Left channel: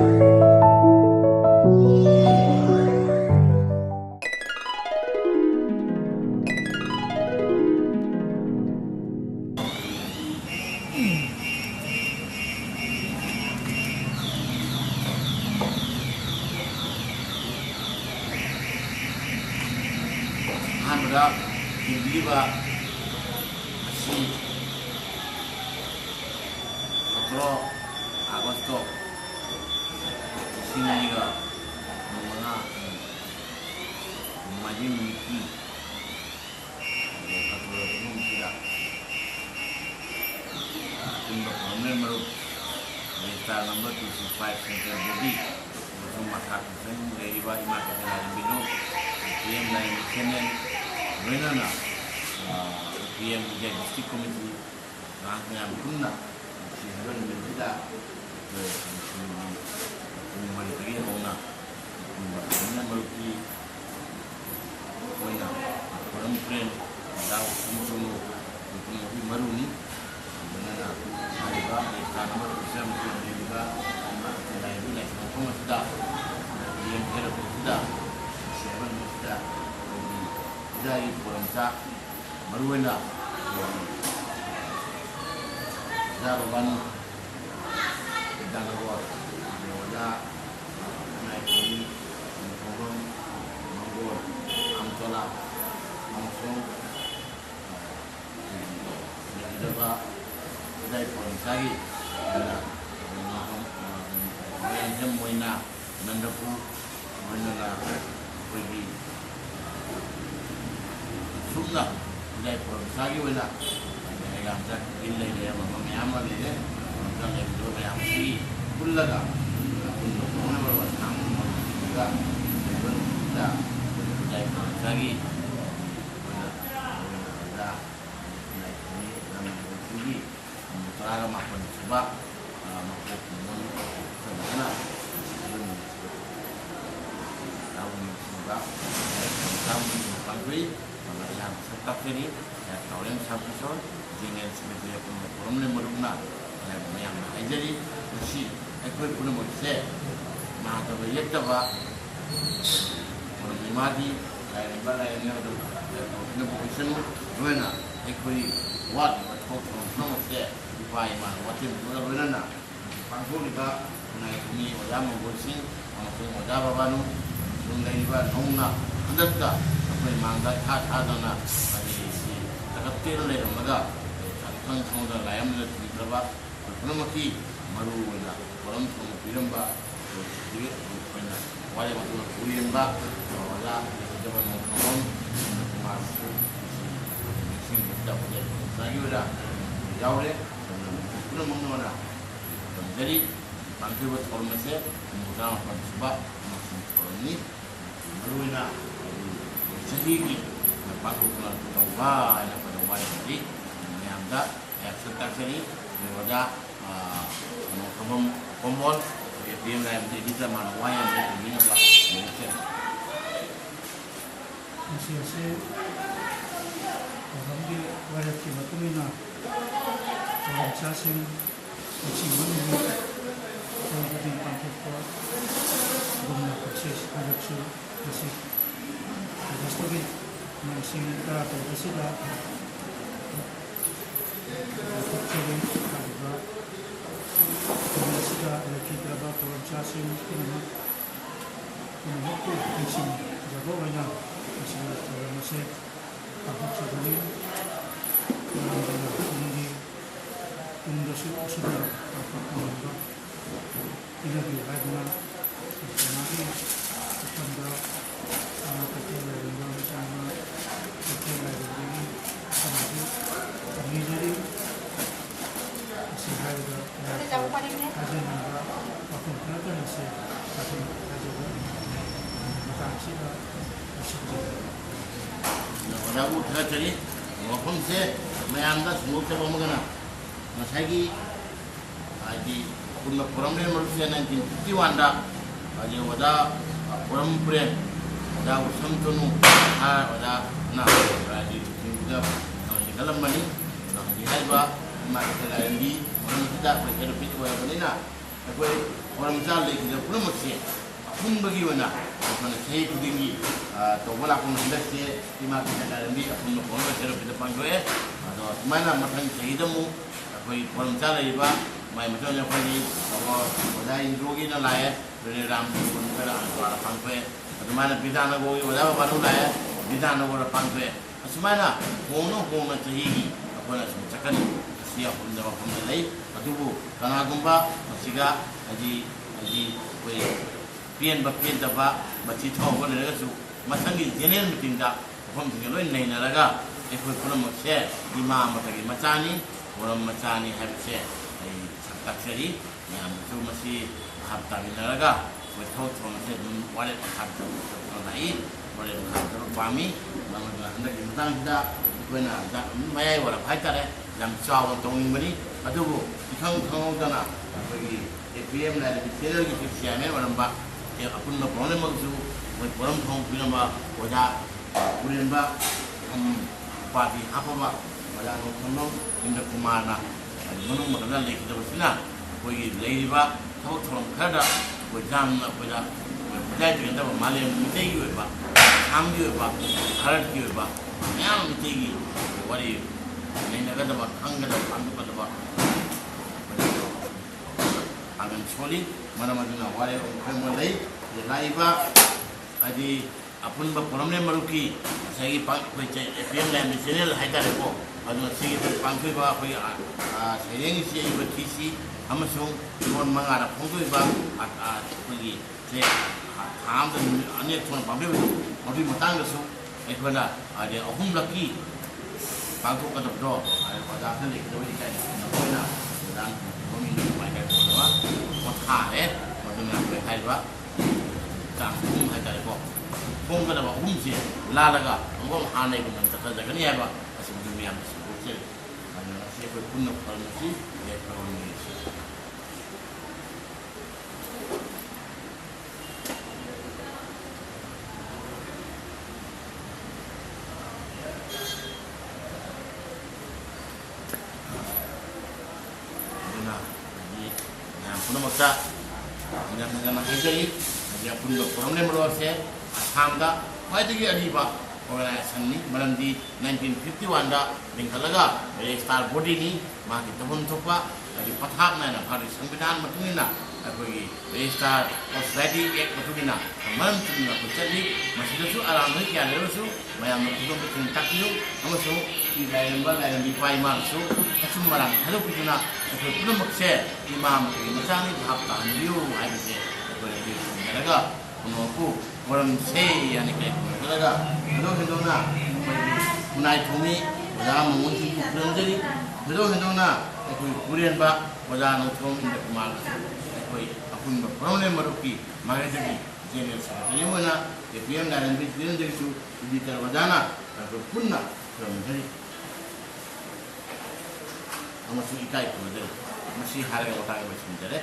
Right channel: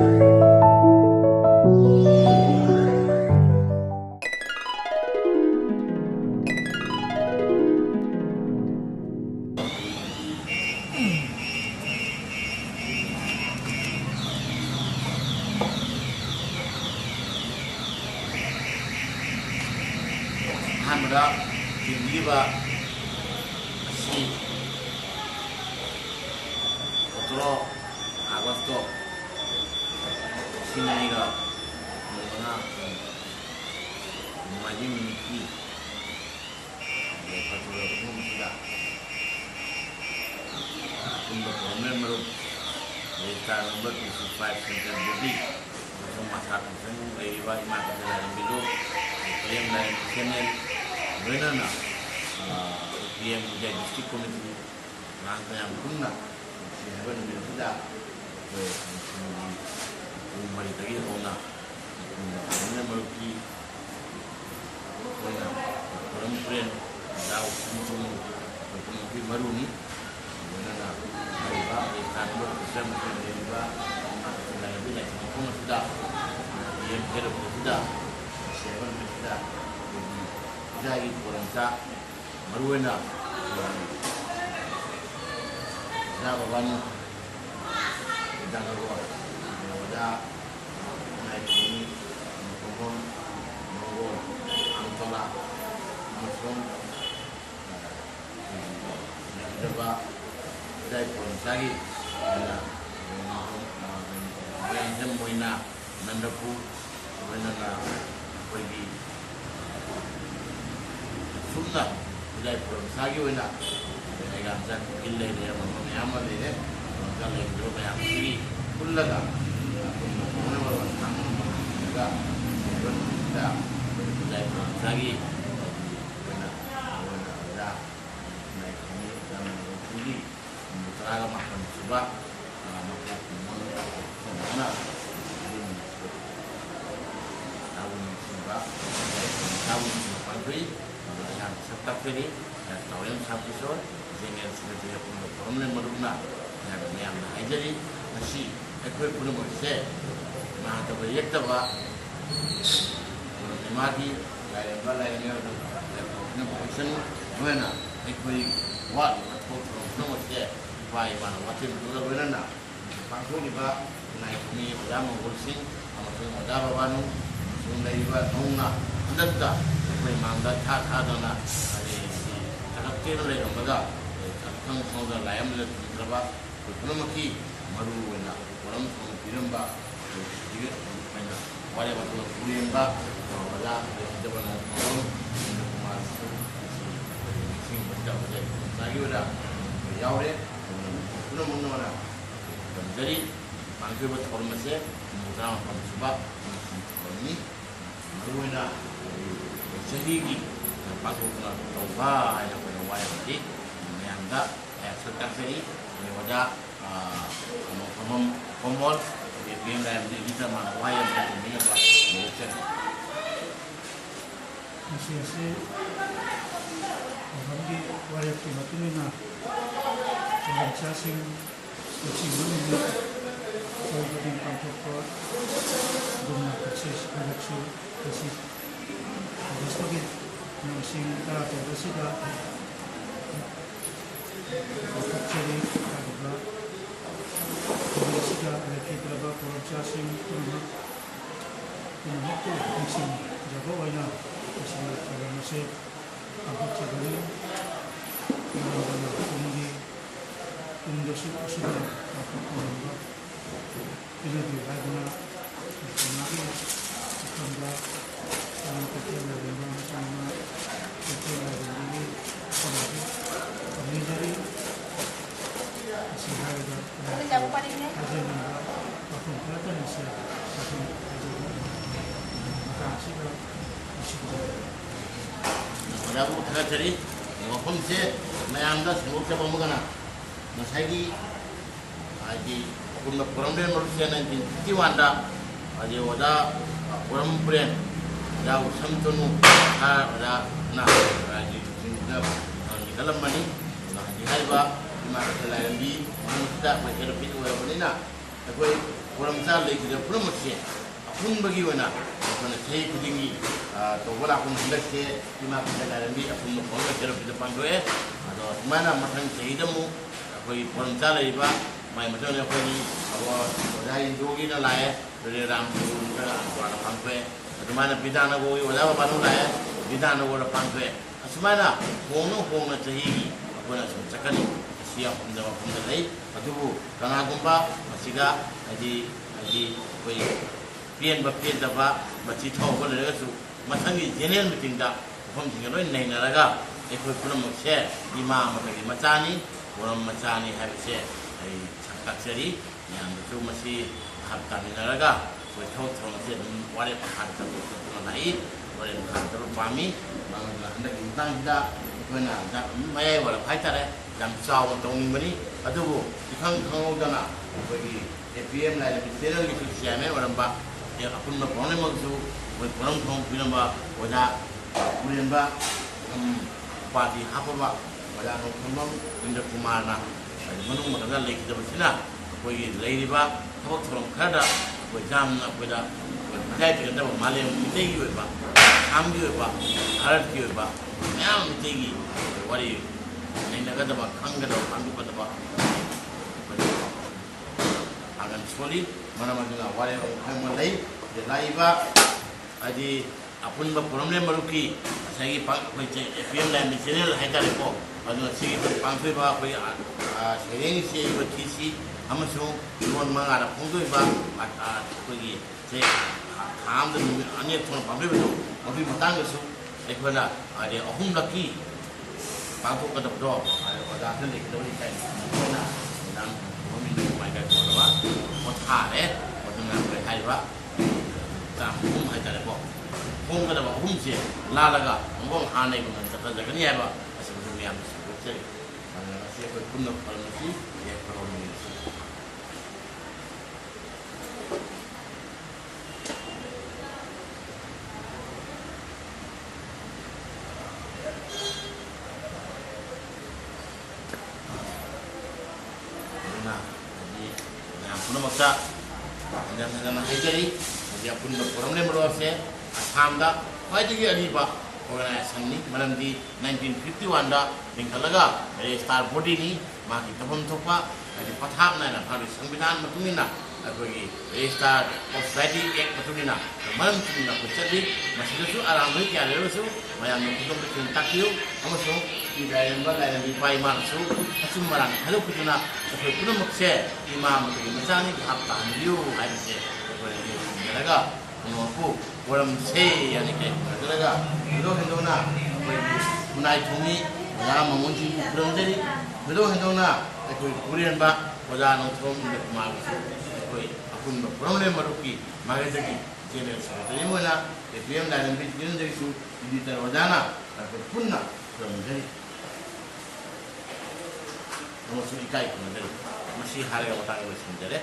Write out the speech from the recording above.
अहमदा हिंदीबा असी 17 अगस्त सिंगा नोना माजिन की कतुरा मुंसिया कुंडा प्रॉब्लम मरो रजिस्टर नंबर 265 सेंटर बॉडी तो मासा किसम रेवा माता के लाइनो पीएम लाइन चैनल वेना पीएम डिस्ट्रिक्ट कमिटी रांग yang guna sehingga kita umari lagi mana mana berarti mana orang pun dah semua lebih baru ni mana ada tanda besar mungkin juga mata kita itu dah semua sudah yang terus sudah siapa sudah jadi orang tak baru anda Jawaban dan luar, ya, naik ini, mengurung, mengurung, angkola, langsung, yang kedua, dari Polsagi, ada, yang semuanya mendapur, mengenal, pergi, sudah, dari Polsagi, ada. Ganjar ilai dia mana yang mana ni, ganjar yang jauh yang sih, pullaga, pulla mana baru nama juga, kita dari lagi, pulla, naik ini dan sini, mutara makan coba, makan mana mana, tahu coba, tahu pantui, yang serta ini, tahu yang sampai dengan sebenarnya punya problem meruna yang jadi masih aku punya mesti nah kalau ya tawa mati lain balai yang ada punya position mana aku what punya mesti dipakai mana waktu itu mana panggung juga naik ni orang menguruskan atau ada bawanu sudah juga nongna anda tak aku mangga tak ada na ada terlalu lama Sangda layam le teraba termaki maru wala waram ko piramba dige penda wala ko kurienda wala jaban ko mas sing da wala sagi wala yaure kuno mongna jadi bangke buat ormase muda pansba ni maruina sehigi paku kena tawa ya pada wala tadi anda serta ini lewat kamu kompol PM lain bisa mana wayang ini apa mungkin masih orang di walet di matulina orang casing casing mana orang berdiri pangkot guna proses ada cu kasih terus lagi masing terapi bersedia Faktori kaliba, komisiga lagi berapa proses punah tu fixing jago wajah masih dalam masih apa cakapnya dalam ini sudah apa punah tidak dilakukan lagi tanda kecil dari mana sama kecil dari ini ini jadi si harga hasil yang aku kata ni si satu hasil maka si dah mesti. Dah aku kata jadi, walaupun saya mayamda semua kita mengana, masih lagi punya problem manusia nanti di wanda, aja wada problem, wada urusan tunu, wada na, lagi kita dalam mana, nak dihai ba, mana kita lain di, mana kita berkaitan dengan mana, aku ꯄꯣꯔꯝꯆꯥ ꯂꯩꯈꯤꯕ ꯄꯨꯝꯅꯃꯛꯁꯦ ꯑꯄꯨꯟꯕꯒꯤ ꯑꯣꯏꯅ ꯑꯩꯈꯣꯏꯅ ꯆꯍꯤ ꯈꯨꯗꯤꯡꯒꯤ ꯇꯧꯕ ꯂꯥꯛꯄ ꯍꯟꯗꯛꯁꯦ ꯏꯃꯥ ꯀꯩꯊꯦꯜ ꯂꯥꯏꯔꯦꯝꯕꯤ ꯑꯄꯨꯟꯕ ꯄꯣꯔꯝ ꯁꯦꯔꯞꯁꯤꯗ ꯄꯥꯡꯊꯣꯛꯑꯦ ꯑꯗꯣ ꯁꯨꯃꯥꯏꯅ ꯃꯊꯪ ꯆꯍꯤꯗ ꯑꯃꯨꯛ ꯑꯩꯈꯣꯏꯒꯤ ꯄꯣꯔꯝꯆꯥ ꯂꯩꯔꯤꯕ ꯃꯥꯏ ꯃꯊꯪꯗ ꯑꯩꯈꯣꯏꯒꯤ ꯑꯣꯖꯥ ꯏꯟꯗꯣꯒꯤꯅ ꯂꯥꯛꯑꯦ ꯑꯗꯨꯗꯩ ꯔꯥꯝꯖꯤꯒꯨꯝꯕꯗ ꯑꯃꯨꯛ ꯄꯥꯡꯊꯣꯛꯑꯦ ꯑꯗꯨꯃꯥꯏꯅ ꯕꯤꯗꯥꯅꯒꯣꯒꯤ ꯑꯣꯖꯥ ꯕꯕꯥꯅꯨ ꯂꯥꯛꯑꯦ ꯕꯤꯗꯥꯅꯒꯣꯗ ꯄꯥꯡꯊꯣꯛꯑꯦ ꯑꯁꯨꯃꯥꯏꯅ ꯍꯣꯡꯅ ꯆꯍꯤꯒꯤ ꯑꯩꯈꯣꯏꯅ ꯁꯨꯝ ꯆꯠꯀꯅꯤ ꯑꯁꯤ ꯌꯥꯝꯅ ꯃꯐꯝꯗ ꯂꯩ ꯑꯗꯨꯕꯨ ꯀꯅꯥꯒꯨꯝꯕ ꯃꯁꯤꯗ ꯑꯩꯈꯣꯏ ꯄꯦꯟꯕ ꯄꯦꯟꯗꯕ ꯃꯁꯤ ꯊꯧꯕ ꯂꯩꯔꯒꯁꯨ ꯃꯊꯪꯒꯤ ꯖꯦꯅꯔꯦꯜ ꯃꯤꯇꯤꯡꯗ ꯃꯐꯝꯁꯤꯡꯗ ꯂꯣꯏ ꯅꯩꯅꯔꯒ ꯑꯩꯈꯣꯏ ꯄꯨꯝꯅꯃꯛꯁꯦ ꯏꯃꯥ ꯑꯃꯒꯤ ꯃꯆꯥꯅꯤ ꯄꯣꯔꯝ ꯃꯆꯥꯅꯤ ꯍꯥꯏꯕꯁꯦ ꯑꯩ ꯇꯥꯛꯆꯔꯤ ꯃꯌꯥꯝꯗꯁꯨ ꯃꯁꯤ ꯚꯥꯞ ꯇꯥꯃꯤꯟꯅꯔꯒ ꯑꯩꯈꯣꯏ ꯊꯕꯛ ꯊꯧꯔꯝꯁꯦ ꯑꯗꯨꯝ ꯋꯥꯔꯦꯞ ꯃꯈꯥ ꯇꯧꯗꯨꯅ ꯂꯥꯛꯏ ꯋꯥꯔꯦꯞ ꯃꯈꯥ ꯇꯧꯕ ꯄꯥꯝꯃꯤ ꯍꯟꯗꯛꯀꯤ ꯃꯇꯥꯡꯁꯤꯗ ꯑꯩꯈꯣꯏꯅ ꯃꯌꯥꯏ ꯑꯣꯏꯔꯞ ꯍꯥꯏꯇꯥꯔꯦ ꯌꯥꯝ ꯆꯥꯎꯅ ꯇꯧꯅꯤꯡꯕꯅꯤ ꯑꯗꯨꯕꯨ ꯏꯈꯪ ꯈꯪꯍꯧꯗꯅ ꯑꯩꯈꯣꯏꯒꯤ APM ꯂꯥꯏꯔꯕꯤ ꯆꯦꯅꯦꯜꯒꯤ ꯆꯤꯌꯥꯔꯃꯦꯟ ꯑꯣꯏꯔꯝꯕ ꯑꯄꯨꯟꯕ ꯄꯨꯝꯅꯃꯛꯁꯨ ꯑꯩꯈꯣꯏ ꯄꯣꯔꯝ ꯊꯣꯡ ꯄꯤꯔꯝꯕ ꯑꯣꯖꯥ ꯄꯨꯔꯦꯟꯕ ꯎꯄꯥꯙꯤ ꯍꯥꯞꯄꯕ ꯑꯣꯖꯥ ꯅꯣꯡꯊꯝꯕꯝ ꯏꯟꯗ꯭ꯔ ꯀꯨꯃꯥꯔꯅ ꯃꯅꯨꯡ ꯃꯇꯝꯗ ꯂꯩꯈꯤꯗꯕꯁꯤꯅ ꯑꯩꯈꯣꯏꯒꯤ ꯂꯩꯔꯤꯕ ꯊꯕꯛ ꯊꯧꯔꯝ ꯈꯔꯗ ꯑꯩꯈꯣꯏ ꯌꯥꯝꯅ ꯑꯩꯈꯣꯏꯗ ꯈꯨꯗꯥꯏ ꯇꯤꯟꯅꯗꯕ ꯃꯥꯂꯦꯝ ꯃꯤꯇꯩꯒꯤ ꯑꯣꯏꯕ ꯑꯁꯥꯝꯒꯤ ꯑꯣꯏꯕ ꯚꯥꯔꯠꯀꯤ ꯑꯣꯏꯕ ꯃꯌꯥꯝ ꯃꯤꯇꯩꯒꯤ ꯋꯥꯔꯤ ꯅꯩꯅꯒꯗꯕ ꯈꯪꯒꯗꯕ ꯈꯪꯗꯣꯛꯀꯗꯕ ꯄꯥꯡꯒꯜ ꯁꯣꯜꯂꯤ ꯃꯔꯝ ꯑꯗꯨꯅ ꯋꯥꯔꯦꯞ ꯑꯃ ꯂꯩ ꯂꯥꯛꯏꯕ ꯍꯥꯏꯗꯤ ꯑꯄꯨꯟꯕ ꯄꯣꯔꯝꯂꯦꯝ ꯃꯔꯨꯞꯀꯤ ꯉꯁꯥꯏꯒꯤ ꯑꯩꯈꯣꯏ APM ꯂꯥꯏꯔꯦꯝꯕꯤ ꯆꯦꯅꯦꯜ ꯍꯥꯏꯇꯥꯔꯦꯀꯣ ꯑꯗꯨꯅ ꯁꯤꯒꯤ ꯄꯥꯡꯊꯣꯛꯏꯕ ꯑꯩꯈꯣꯏ ꯁꯩꯔꯦꯡ ꯏꯁꯩ ꯊꯤꯁꯤ ꯑꯃꯁꯨꯡ ꯂꯣꯟ ꯃꯉꯥꯗ ꯐꯣꯡꯗꯣꯛꯏꯕ ꯑꯩꯈꯣꯏꯒꯤ ꯊꯥ ꯑꯃꯗ ꯅꯨꯃꯤꯠ ꯑꯅꯤꯔꯛ ꯊꯣꯛꯅ ꯄꯥꯡꯊꯣꯛꯏꯕꯗꯣ ꯃꯗꯨꯒꯤ ꯃꯇꯥꯡꯗꯁꯨ ꯑꯩꯈꯣꯏꯅ ꯍꯥꯏꯗꯤ ꯑꯍꯨꯝꯂꯛꯀꯤ ꯄꯥꯡꯊꯣꯛꯀꯗꯕꯗꯣ ꯑꯣꯖꯥꯁꯤꯡ ꯂꯩꯒꯗꯕꯅꯤ ꯀꯥꯏꯅ ꯑꯩꯈꯣꯏꯅ ꯃꯃꯤꯡꯗ ꯀꯃꯥꯏꯅ ꯇꯧꯅꯕ ꯄꯣꯊꯥꯔꯦ ꯑꯗꯨꯅ ꯑꯩꯈꯣꯏ ꯍꯥꯏꯔꯤꯕ ꯆꯥꯡ ꯑꯍꯨꯝ ꯍꯥꯏꯇꯥꯔꯦꯀꯣ ꯐꯣꯡꯒꯗꯕ ꯑꯍꯨꯝꯁꯦ ꯂꯥꯜꯂꯒ ꯑꯃꯨꯛ ꯍꯥꯟꯅꯒꯤ ꯃꯇꯝ ꯆꯠꯊꯖꯒꯅꯤ ꯍꯥꯏꯕ ꯑꯁꯤꯃꯁꯨ ꯃꯌꯥꯝꯅ ꯁꯟꯗꯣꯛꯆꯔꯤ ꯑꯗꯨꯅ ꯑꯁꯤ ꯑꯩꯈꯣꯏ ꯄꯨꯟꯅ ꯐꯔꯃꯁꯤ ꯌꯥꯏꯐꯔꯍꯧꯅꯤꯡꯉꯤ पुनमक्ता हंजन हाइजरी अपुनब पोरमलेम मरुपसे आसामदा ख्वाइदगी अरिबा ऑर्गेनाइजेशन मरमदी 1951 दा लिंखलगा रजिस्ट्रार बॉडी नि माकी तबम थोपा अदि पथाक नायना भारत संविधान मतुंगिना अखोगी रजिस्ट्रार ऑफ सोसाइटी एक्ट मतुंगिना मरम तुंगिना पुचली मसिदसु आरामै क्या लेरसु मयाम नकुम पुचिन ताकियो अमसो इ लाइरंबी पाइ मासु असुम मरांग हेलो पुजना अखोई पुनमक्से इमाम के मचानी भाप तानियो हाइसे अखोई संगरगा पुनोपु वरम से यानी के संगरगा हेलो हेलोना अखोई कुनाइ थुमी ओजा मंगुंजी पुरमजरी हेलो हेलोना अखोई पुरेनबा ओजा नोथोम कुमारसु अखोई अपुनबा प्रॉब्लम मरुकी मारेजगी जेनरल सेक्रेटरी मोना APM लाइरंबी जेनरल एडिटर ओजाना अखोई पुन्ना प्रॉब्लम अमसुं इकाई खुंजरी मसी हारे वताई वसिंजरे